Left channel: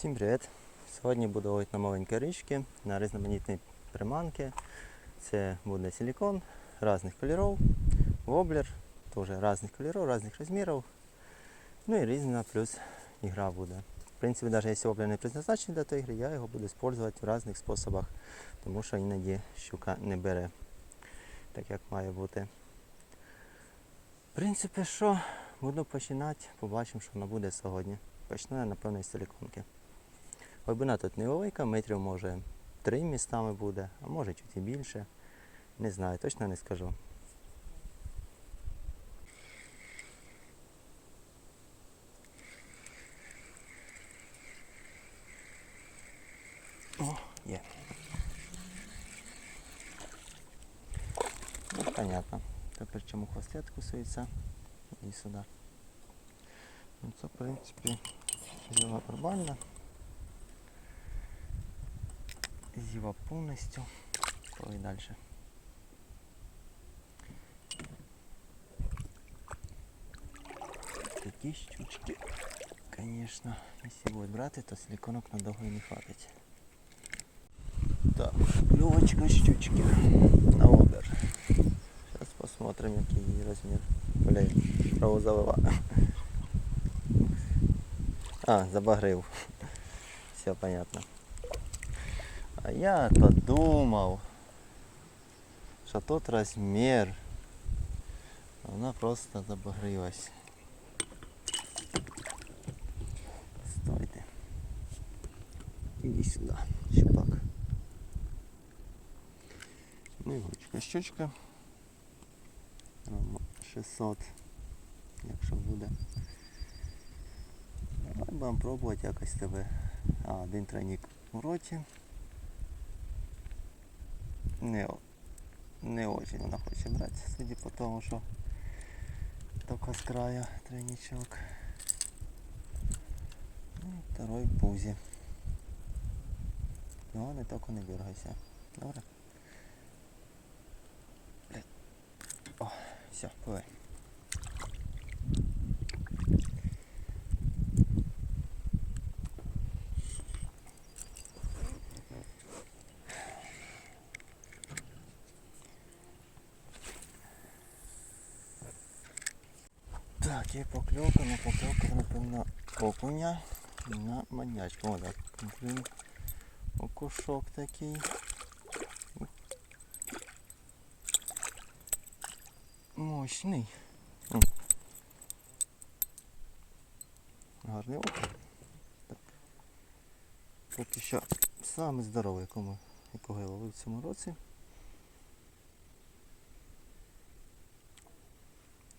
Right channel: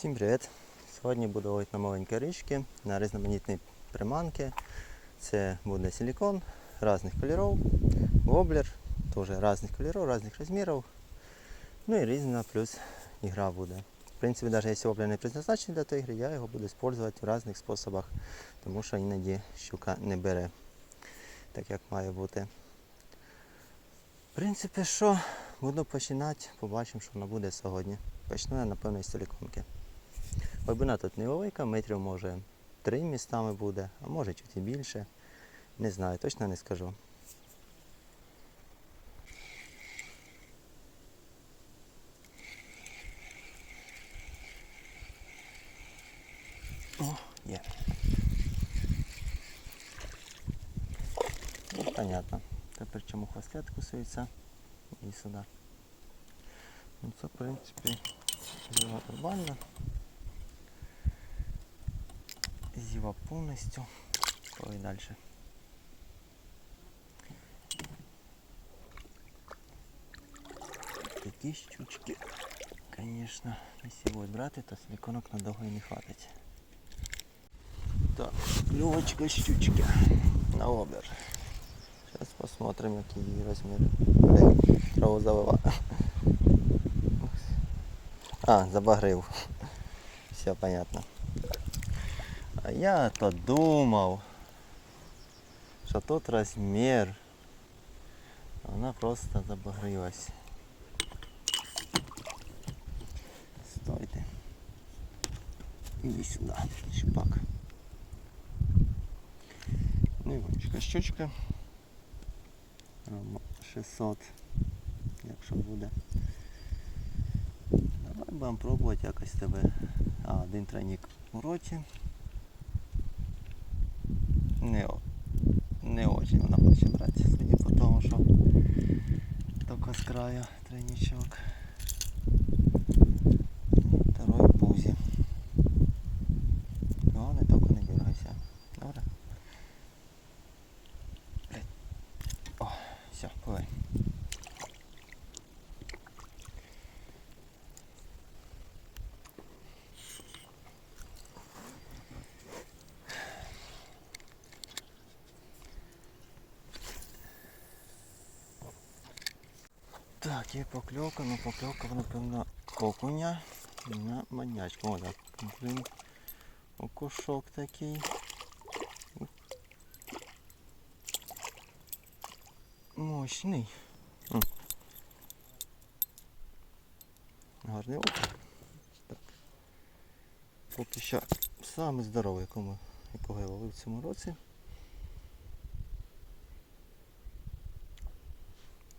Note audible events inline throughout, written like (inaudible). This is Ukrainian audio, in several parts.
Всім привіт! Сьогодні буду ловити на маленькі річки, на різноманітні приманки. Це буде силикон різних кольорів, воблер, теж різних кольорів, різних розмірів. Ну і різна плюс ігра буде. В принципі, навіть якщо воблер не призначений для тої гри, я його буду використовувати в різних способах, тому що іноді щука не бере так, як має бути. В принципі, що буду починати, побачимо, що воно буде сьогодні. Почну я, напевно, із силиконки. Глибина тут невелика, метрів може три містами буде, а може чуть і більше. Не знаю, точно не скажу. О, є. Ну, понятно. Тепер чому хвостет кусується і сюди. Ну, це, в принципі, зіва нормально. Зіва повністю. Коли далі. Такі щучки, конечно, якщо будуть брати, то силиконок надовго і не хватить. Так, клювочка щучки на обер. Сейчас посмотрим, який її розмір. Блять, траву залила. (laughs) А, забагрив. Все понятно. А я-то думав, що тут розмір. А Вона просто забагрилась. Стойте. Іди сюди, щупак. Невеличка щучка. Грам 600, якщо буде. Давай будемо пробувати якось тебе. А, один тройник у роті. Не, не очень вона хоче брати, судя по тому, що тільки з краю тройничок. Ну, Второй. Ну тільки не дергайся. Добре? Блядь. О, все, пливай. Так, є покльовка, ну покльовка, напевно, окуня на манячку. О, так, блін, окушок такий. Ух. Мощний. М. Гарний окунь. Так. Поки що самий здоровий, якому, якого я ловив в цьому році.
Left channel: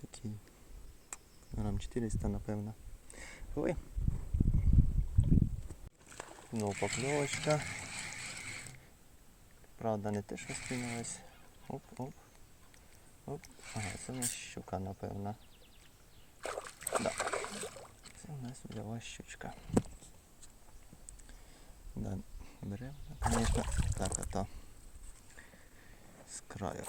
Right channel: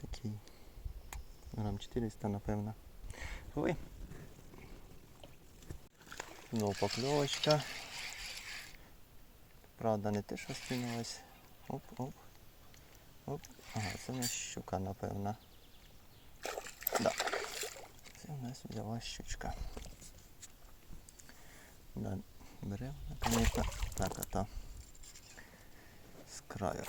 Такий грам 400, напевно. Ой. Ну, покльовочка. Правда, не те, що скинулась. Оп, оп. Оп. Ага, це у нас щука, напевно. Да. Це у нас взяла щучка. Да, беремо, звісно, так ото з краю.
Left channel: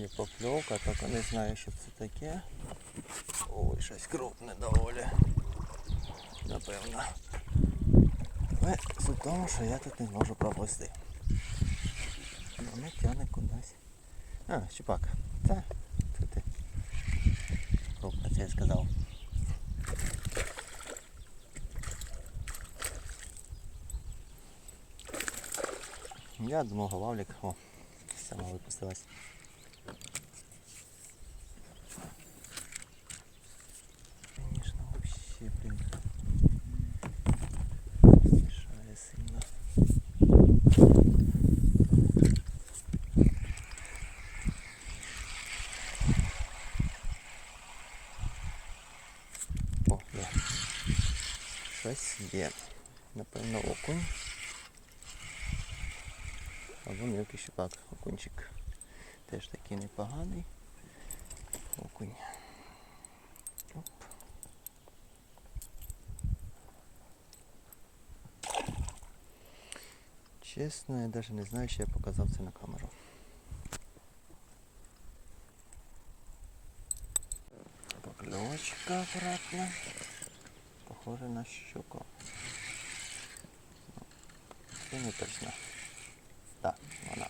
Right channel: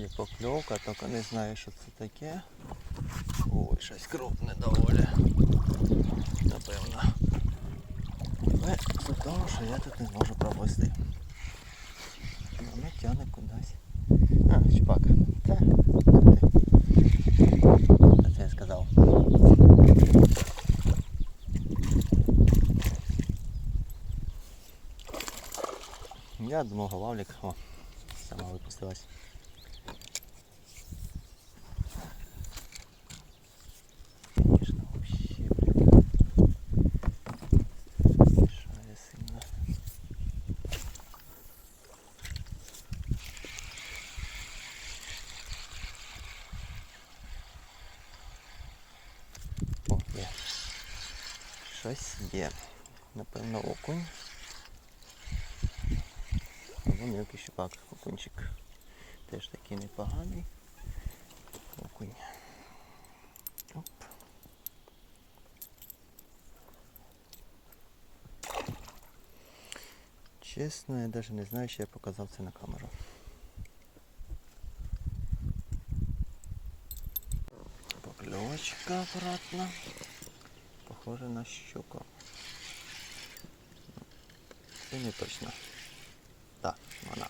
Є покльовка, тільки не знаю, що це таке. Ой, щось крупне доволі. Напевно. Але з того, що я тут не зможу провести. Воно тягне кудись. А, чупак. Це. Ти. Це я сказав. Я думав, голавлик. О, сама випустилась. Є, напевно, окунь. Або мілкий щупак. Окунчик теж такий непоганий. Окунь. Оп. Чесно, я навіть не знаю, що я показав це на камеру. Поклевочка обратно. Похоже на щуку. Ну, Це не точно. Так, вона.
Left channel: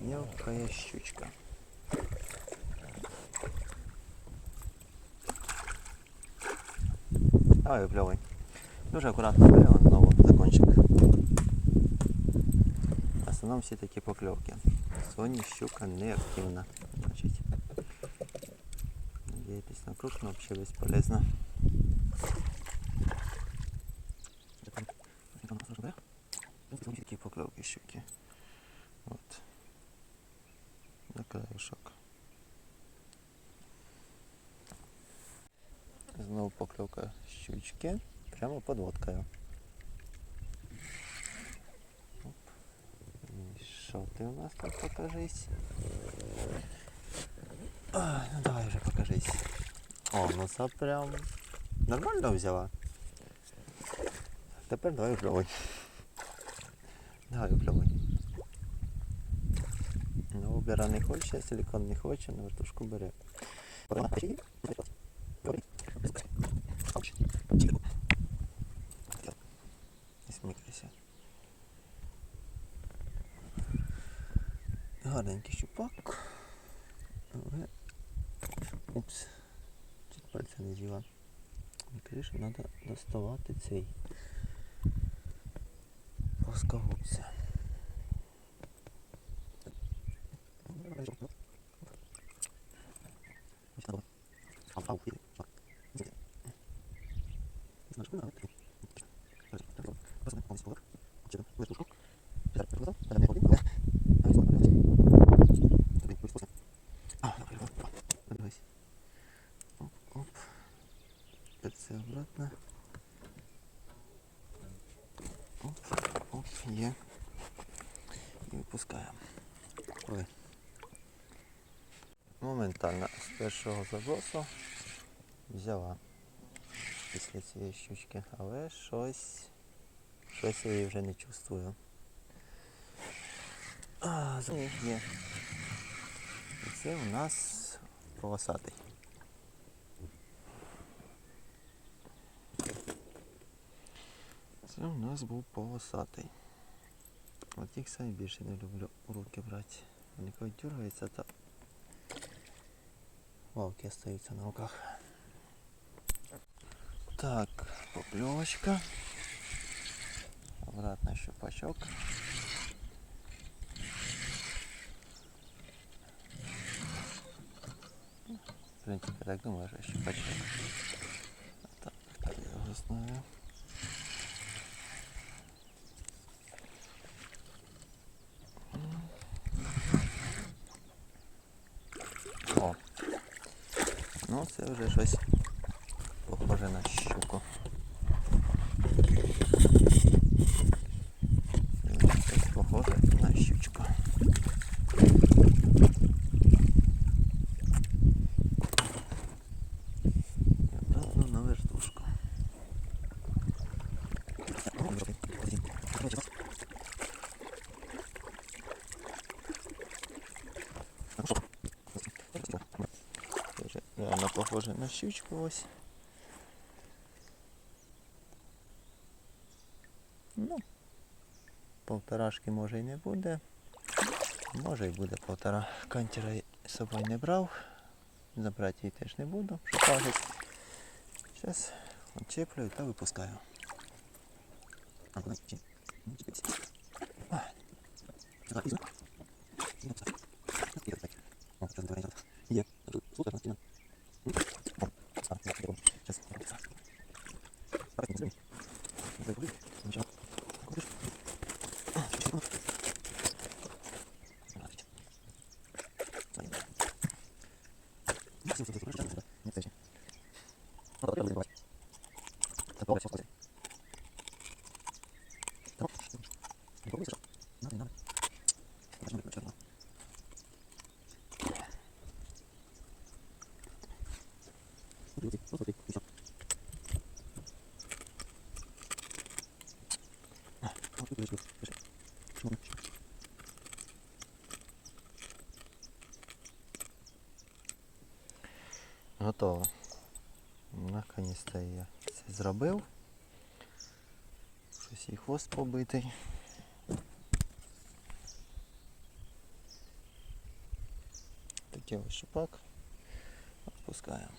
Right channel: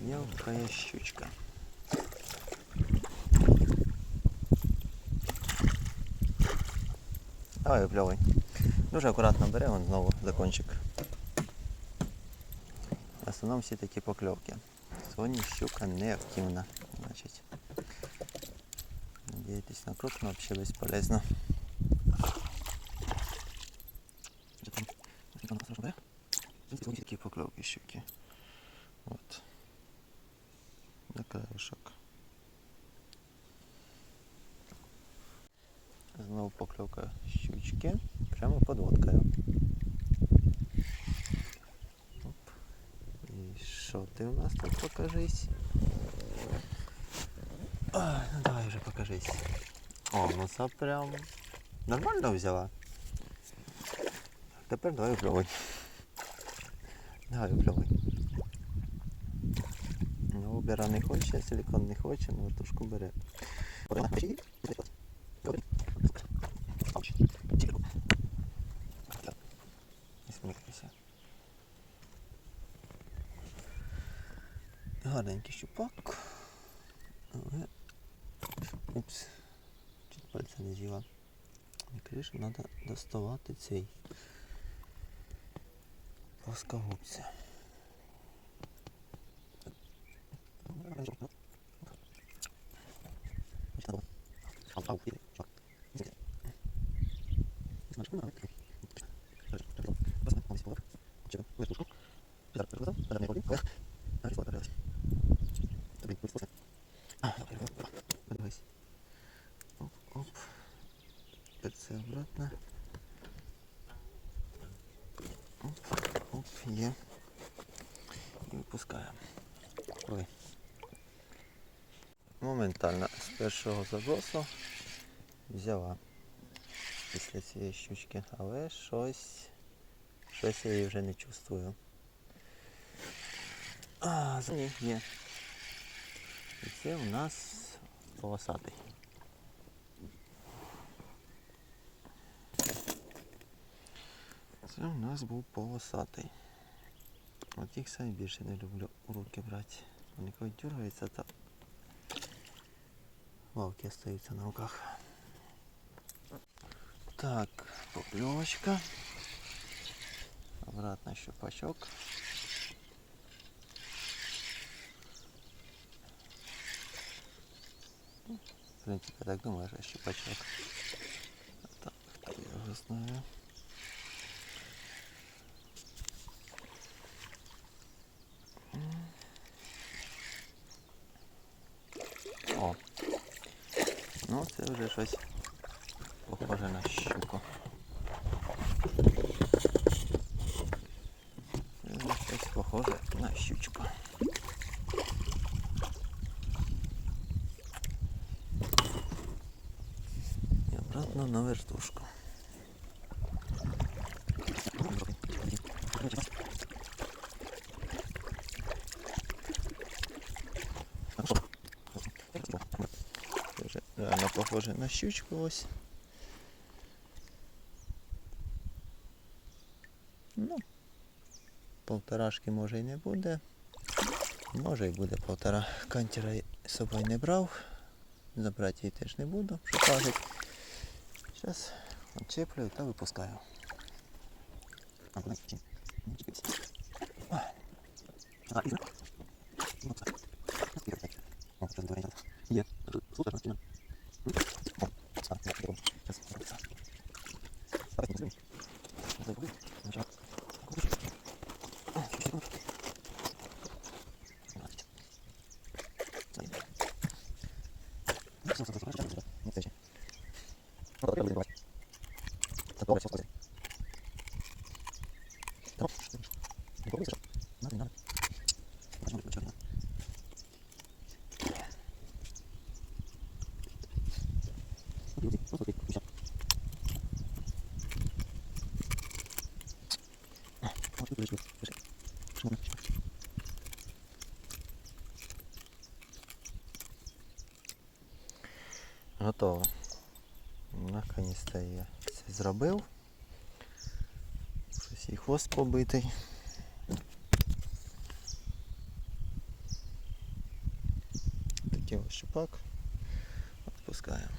Мелкая щучка. Давай випльовуй. Дуже акуратно бере, вон знову закончик. В основному всі такі покльовки. Сьогодні щука не активна. Значить. Надіятись на крупну, взагалі безполезно. Такі покльовки щуки. От. На краєшок. Знову покльовка щучки. Прямо под водкою. Оп. І що ти у нас тут покажись? Ай, ну давай вже покажись. О, ну це прям нормально взяла. Тепер давай впльовуй. Давай впльовуй. Ну, обіра не хоче, силикон не хоче, на вертушку бере. Гарненький щупак. Але... Упс. Чуть пальця не з'їла. Крише треба доставати цей плоскогубця. Оп, оп. Це обратно. Оп, оп, є. І випускаємо. Ой. Моментально з першого забросу взяла після цієї щучки, але щось, щось я її вже не чувствую. А, за них є. І це у нас полосатий. Це у нас був полосатий. От їх самі більше не люблю у руки брати. Вони коли дергаються, то валки остаються на руках. Так, поклевочка. Обратно щупачок. В принципе, я так думаю, что щупачок. А так, хто його знає. Похоже на щучку ось. Ну, полторашки може і не буде. Може і буде полтора. Кантера я з собою не брав. Забрати її теж не буду, що кажуть. Зараз отчеплюю та випускаю. А, куди? Чи? Ну, чекайся. А. А, і зробив. Ну, так. І так. О, зараз давай. Є. Супер, настільно. О, а, я піду. Зараз, зараз. Давай, не зробимо. Не зробимо. Нічого. А, нічого. Давай. Давай. Ну, все, все, все, все, все. Не встречи. Ну, давай, давай. Так, добре, все, скажи. Так, не пробуй, Саша. Надо, надо. Нажми, ключ, надо. Окей, окей, просто окей, и всё. Готово. Наконець-то я це зробив. Щось і хвост побитий. Такий ось шипак. Відпускаємо.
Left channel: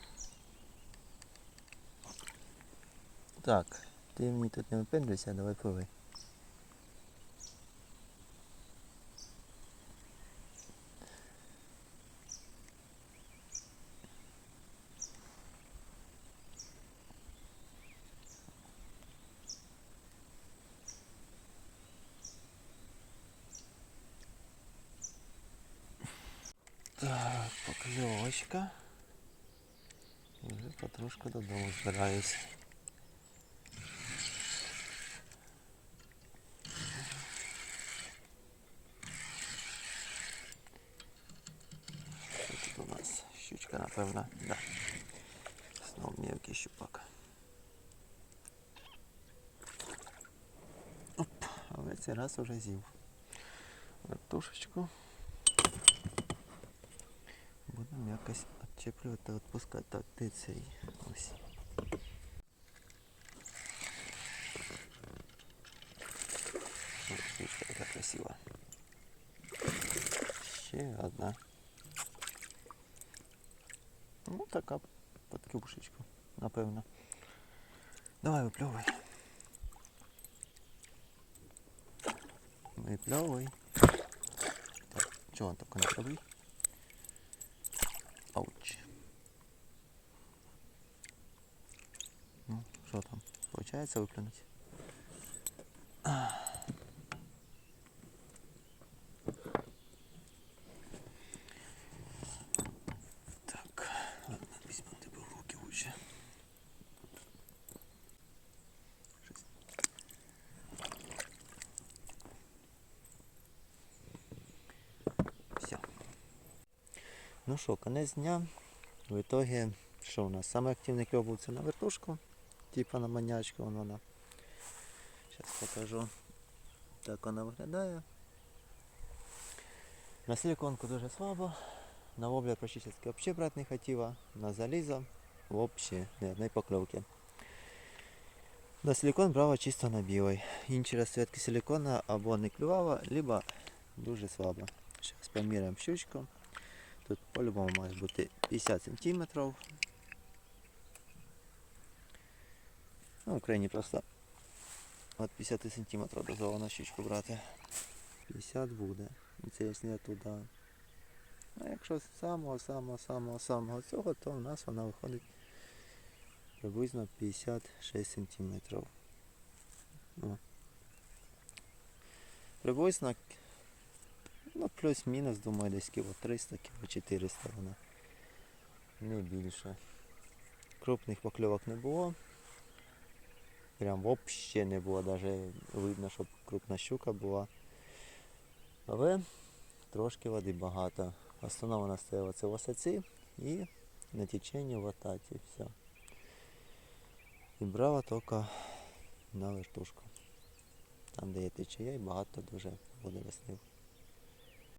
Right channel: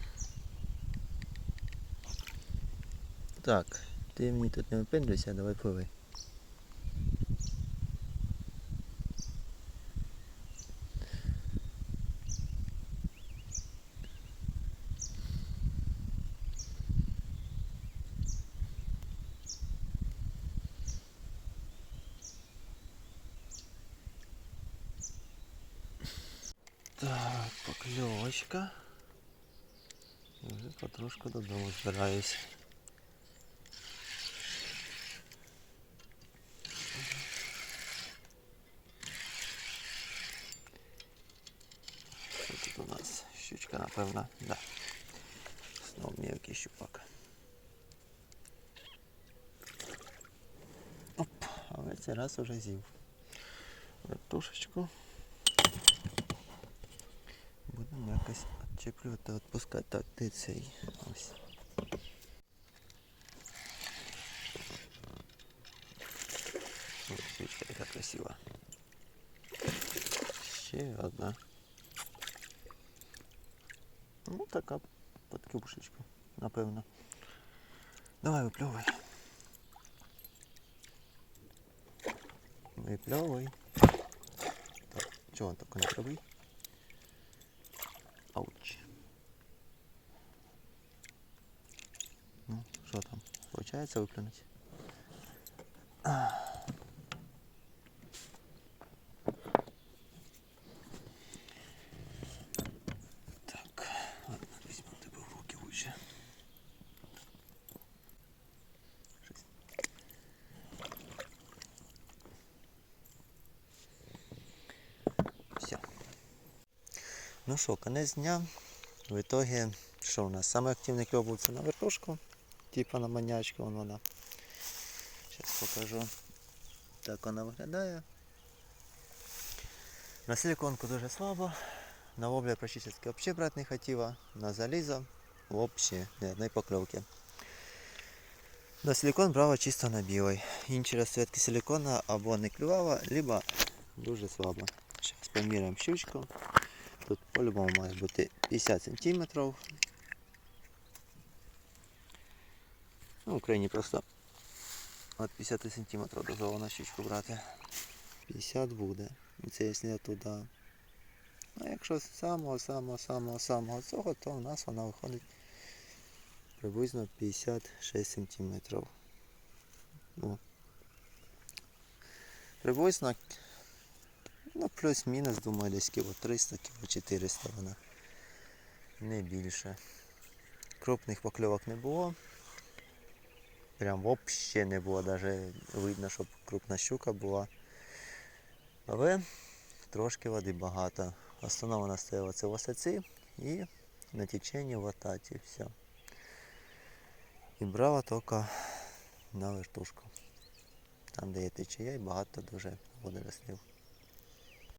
Так, ти мені тут не випендрюйся, давай пливи. Так, покльовочка. Вже потрошку додому збираюсь. Що тут у нас? Щучка, напевно, да. Знов мілкий щупак. Оп, але цей раз уже з'їв. Вертушечку. Будемо якось відчеплювати, відпускати. Так, де цей? Ось. Ось свічка яка красива. Ще одна. Ну, така під кюбушечку, напевно. Давай випльовуй. Випльовуй. Так, чого він тако не правий? Що там? Получається виплюнути? Так, ладно, візьму тебе в руки лучше. Все. Ну що, конець дня. В итоге, що у нас? Самий активний кльов був це на вертушку, типа на манячку, вон вона. Зараз покажу. Так вона виглядає. На силиконку дуже слабо. На воблер практически вообще брать не хотіла. На залізо вообще ні одної. На силикон брала чисто на білий. Інші розцветки силикона або не клювала, либо дуже слабо. Зараз поміряємо щучку. Тут по-любому має бути 50 см. Ну, в Україні просто від 50 см дозволено щучку брати. 50 буде. І Це якщо туди. А якщо з самого самого самого самого цього, то у нас вона виходить приблизно 56 см. Ну, приблизно Ну, плюс-мінус, думаю, десь кіло 300, кіло 400 вона. Не більше. Крупних покльовок не було. Прям взагалі не було, навіть видно, щоб крупна щука була. Але трошки води багато. Основна вона стояла це в осаці і на теченні в ататі. Все. І брала тільки на вертушку. Там, де є течія і багато дуже водорослів.